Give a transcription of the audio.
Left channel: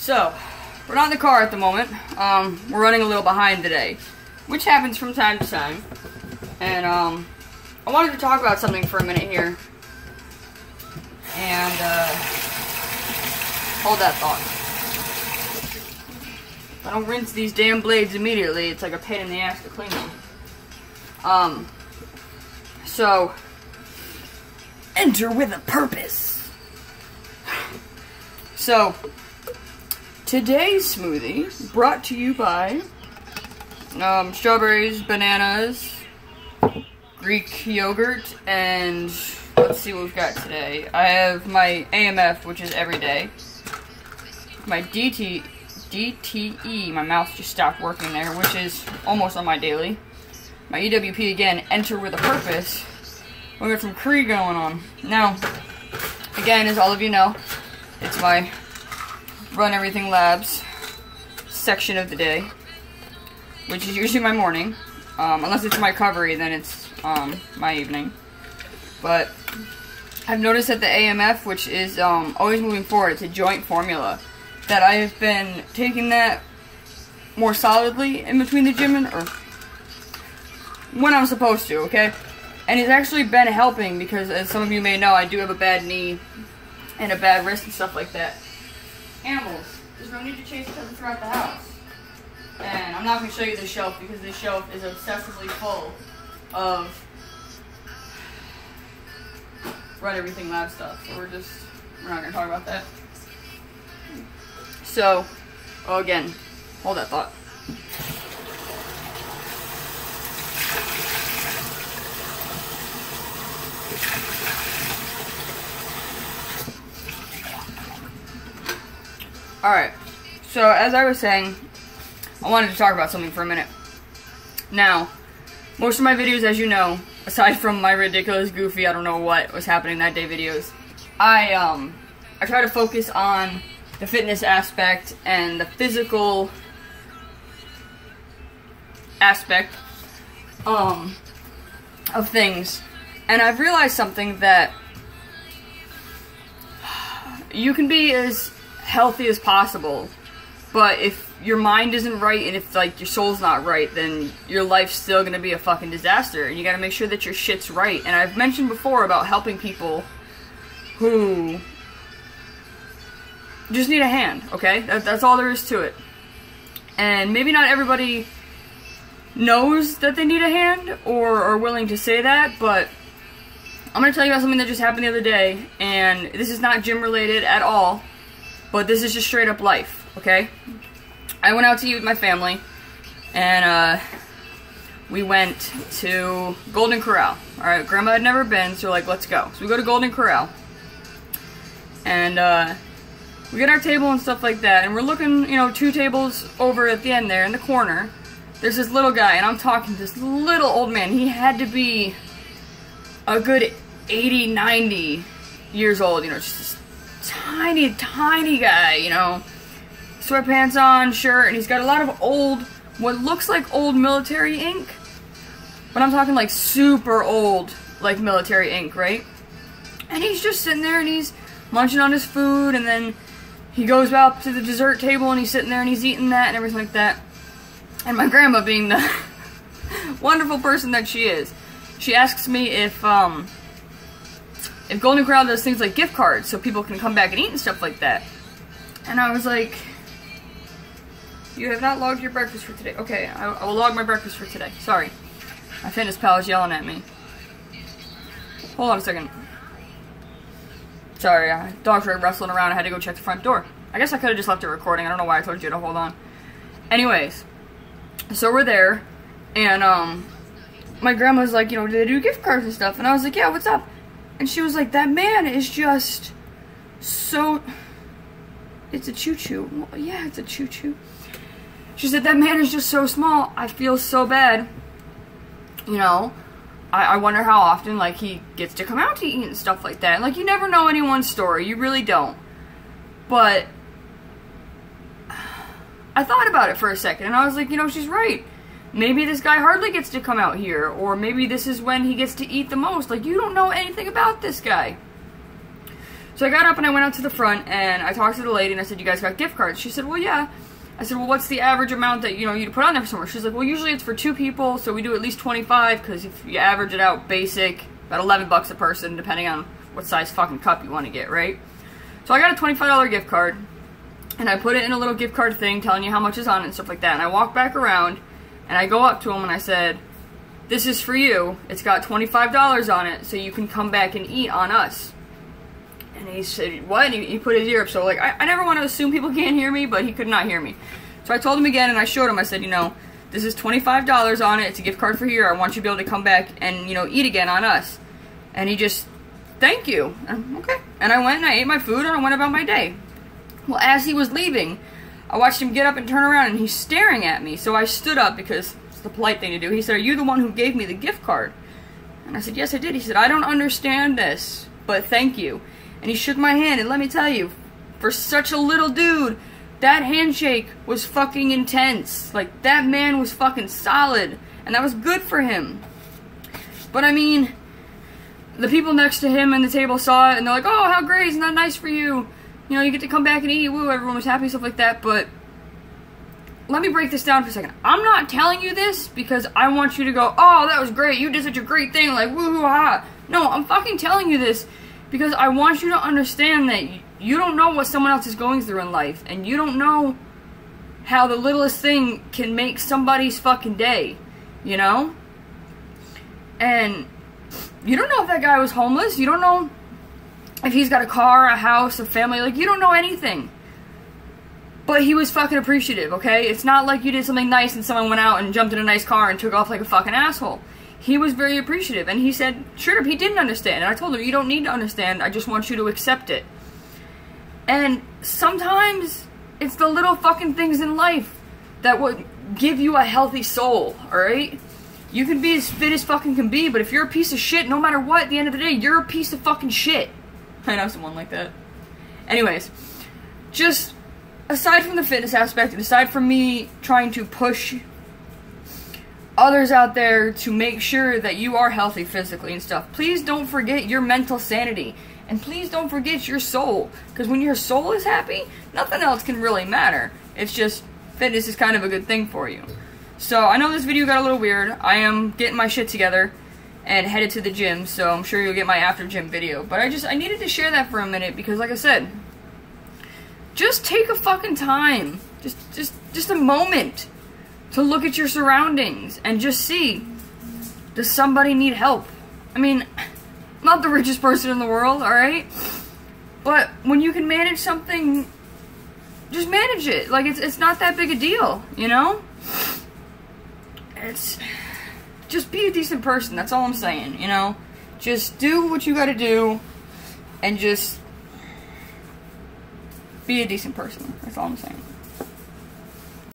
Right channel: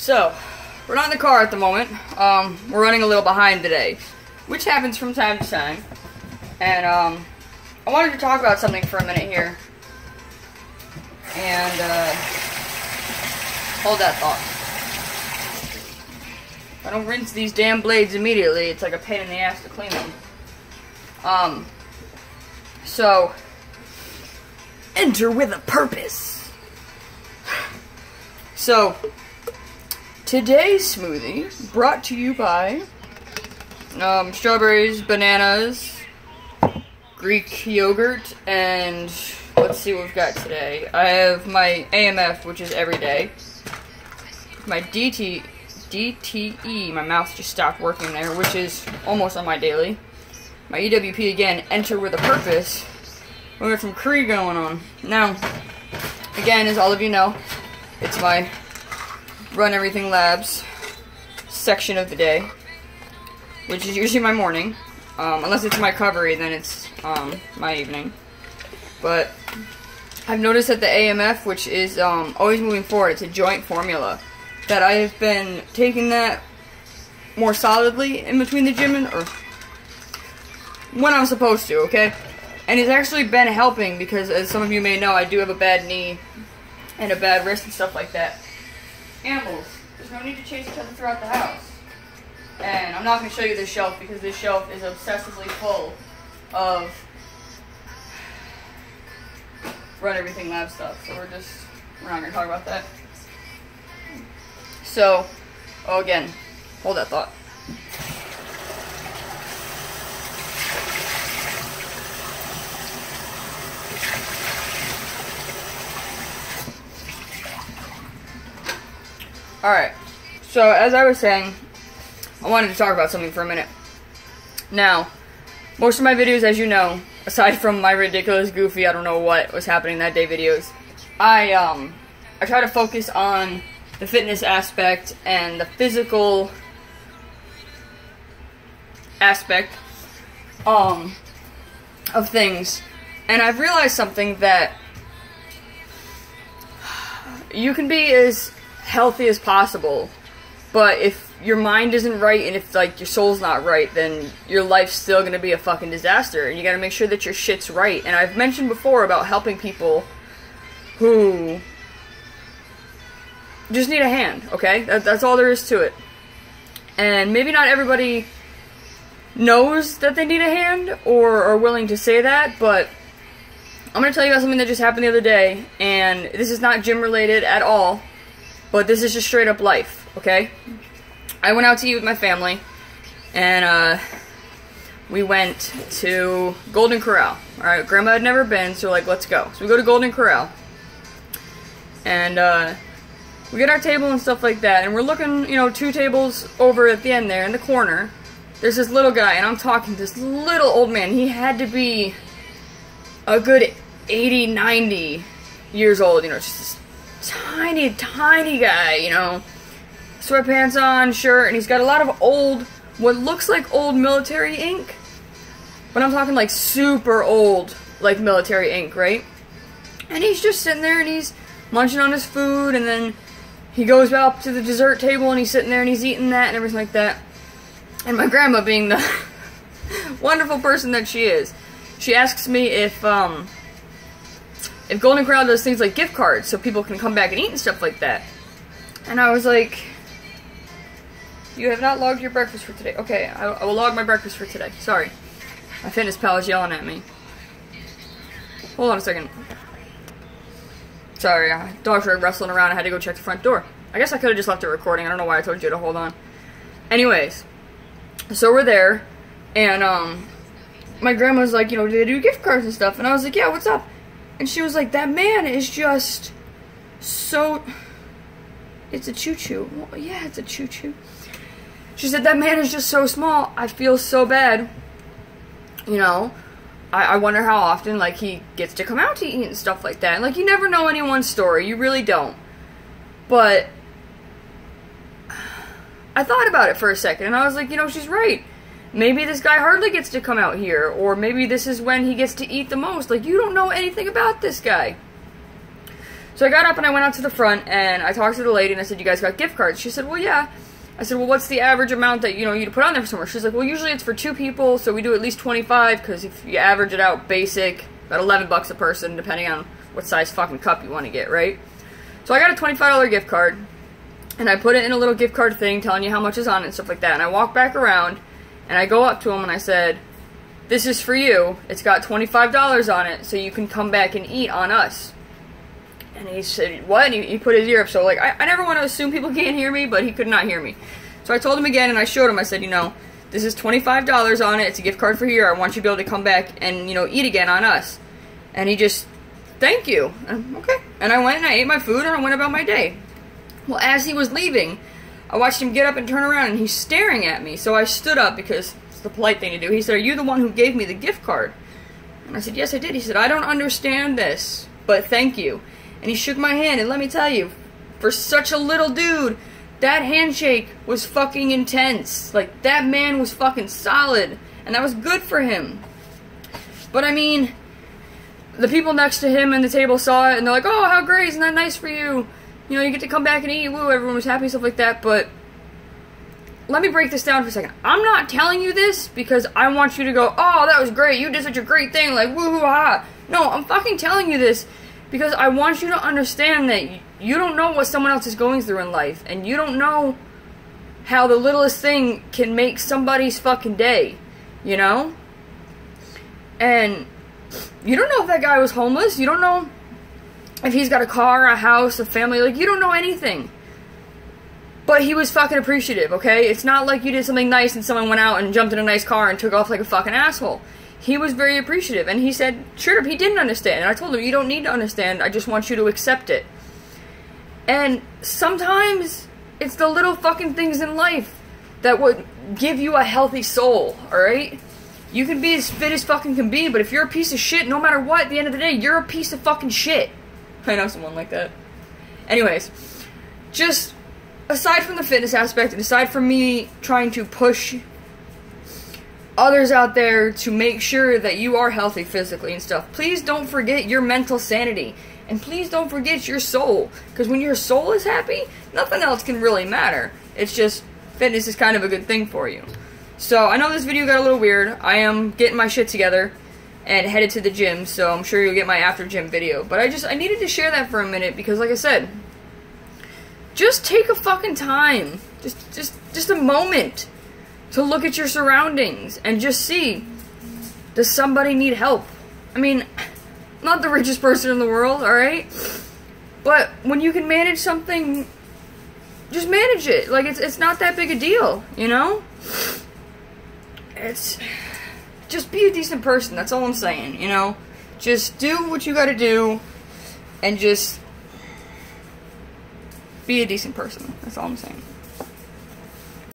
So, we're not in the car at the moment. We're running a little behind today, which happens from time to time. And, I wanted to talk about something for a minute here. And, hold that thought. If I don't rinse these damn blades immediately, it's like a pain in the ass to clean them. So, enter with a purpose. So, today's smoothie brought to you by strawberries, bananas, Greek yogurt, and let's see what we've got today. I have my AMF, which is every day. My DTE, my mouse just stopped working there, which is almost on my daily. My EWP again, enter with a purpose. We got some Cree going on. Now, again, as all of you know, it's my Run Everything Labs section of the day, which is usually my morning. Unless it's my recovery, then it's my evening. But I've noticed that the AMF, which is always moving forward, it's a joint formula, that I have been taking that more solidly in between the gym or when I'm supposed to, okay? And it's actually been helping because, as some of you may know, I do have a bad knee and a bad wrist and stuff like that. Animals, there's no need to chase each other throughout the house. And I'm not going to show you this shelf because this shelf is obsessively full of Run Everything Lab stuff. So we're not going to talk about that. So, again, hold that thought. Alright, so as I was saying, I wanted to talk about something for a minute. Now, most of my videos, as you know, aside from my ridiculous, goofy, I don't know what was happening that day videos, I try to focus on the fitness aspect and the physical aspect of things. And I've realized something, that you can be as healthy as possible, but if your mind isn't right and if like your soul's not right, then your life's still gonna be a fucking disaster, and you gotta make sure that your shit's right. And I've mentioned before about helping people who just need a hand, okay? That's all there is to it. And maybe not everybody knows that they need a hand or are willing to say that, but I'm gonna tell you about something that just happened the other day, and this is not gym related at all, but this is just straight up life, okay? I went out to eat with my family, and we went to Golden Corral. Alright, Grandma had never been, so we're like, let's go. So we go to Golden Corral, and we get our table and stuff like that, and we're looking, you know, 2 tables over at the end there in the corner. There's this little guy, and I'm talking this little old man. He had to be a good 80, 90 years old, you know, just this tiny, tiny guy, you know, sweatpants on, shirt, and he's got a lot of old, what looks like old military ink, but I'm talking like super old, like military ink, right? And he's just sitting there and he's munching on his food, and then he goes up to the dessert table and he's sitting there and he's eating that and everything like that. And my grandma, being the wonderful person that she is, she asks me if Golden Corral does things like gift cards so people can come back and eat and stuff like that. And I was like, you have not logged your breakfast for today. Okay, I will log my breakfast for today. Sorry. My fitness pal is yelling at me. Hold on a second. Sorry, dogs were wrestling around. I had to go check the front door. I guess I could have just left it recording. I don't know why I told you to hold on. Anyways, so we're there, and my grandma's like, you know, do they do gift cards and stuff? And I was like, yeah, what's up? And she was like, that man is just so... It's a choo-choo. Well, yeah, it's a choo-choo. She said, that man is just so small. I feel so bad. You know, I wonder how often, like, he gets to come out to eat and stuff like that. And, like, you never know anyone's story. You really don't. But I thought about it for a second, and I was like, you know, she's right. Maybe this guy hardly gets to come out here, or maybe this is when he gets to eat the most. Like, you don't know anything about this guy. So I got up and I went out to the front and I talked to the lady and I said, you guys got gift cards? She said, well, yeah. I said, well, what's the average amount that, you know, you'd put on there for somewhere? She's like, well, usually it's for 2 people, so we do at least 25, because if you average it out basic, about $11 a person, depending on what size fucking cup you want to get, right? So I got a $25 gift card, and I put it in a little gift card thing telling you how much is on it and stuff like that, and I walk back around, and I go up to him and I said, this is for you, it's got $25 on it, so you can come back and eat on us. And he said, what? And he put his ear up, so like, I never want to assume people can't hear me, but he could not hear me. So I told him again, and I showed him, I said, you know, this is $25 on it, it's a gift card for here, I want you to be able to come back and, you know, eat again on us. And he just, thank you. And, okay. And I went and I ate my food and I went about my day. Well, as he was leaving, I watched him get up and turn around and he's staring at me. So I stood up because it's the polite thing to do. He said, are you the one who gave me the gift card? And I said, yes, I did. He said, I don't understand this, but thank you. And he shook my hand, and let me tell you, for such a little dude, that handshake was fucking intense. Like, that man was fucking solid, and that was good for him. But I mean, the people next to him and the table saw it, and they're like, oh, how great, isn't that nice for you? You know, you get to come back and eat, woo, everyone was happy, stuff like that, but let me break this down for a second. I'm not telling you this because I want you to go, oh, that was great, you did such a great thing, like, woo-hoo-ha. No, I'm fucking telling you this because I want you to understand that you don't know what someone else is going through in life, and you don't know how the littlest thing can make somebody's fucking day, you know? And you don't know if that guy was homeless, you don't know if he's got a car, a house, a family, like, you don't know anything. But he was fucking appreciative, okay? It's not like you did something nice and someone went out and jumped in a nice car and took off like a fucking asshole. He was very appreciative, and he said, sure, he didn't understand, and I told him, you don't need to understand, I just want you to accept it. And sometimes, it's the little fucking things in life that would give you a healthy soul, alright? You can be as fit as fucking can be, but if you're a piece of shit, no matter what, at the end of the day, you're a piece of fucking shit. I know someone like that. Anyways, just aside from the fitness aspect, and aside from me trying to push others out there to make sure that you are healthy physically and stuff, please don't forget your mental sanity. And please don't forget your soul. Because when your soul is happy, nothing else can really matter. It's just, fitness is kind of a good thing for you. So, I know this video got a little weird. I am getting my shit together and headed to the gym, so I'm sure you'll get my after gym video. But I needed to share that for a minute because, like I said, just take a fucking time. Just a moment to look at your surroundings and just see, does somebody need help? I mean, I'm not the richest person in the world, alright? But when you can manage something, just manage it. Like, it's not that big a deal, you know? It's, just be a decent person, that's all I'm saying, you know? Just do what you gotta do, and just be a decent person, that's all I'm saying.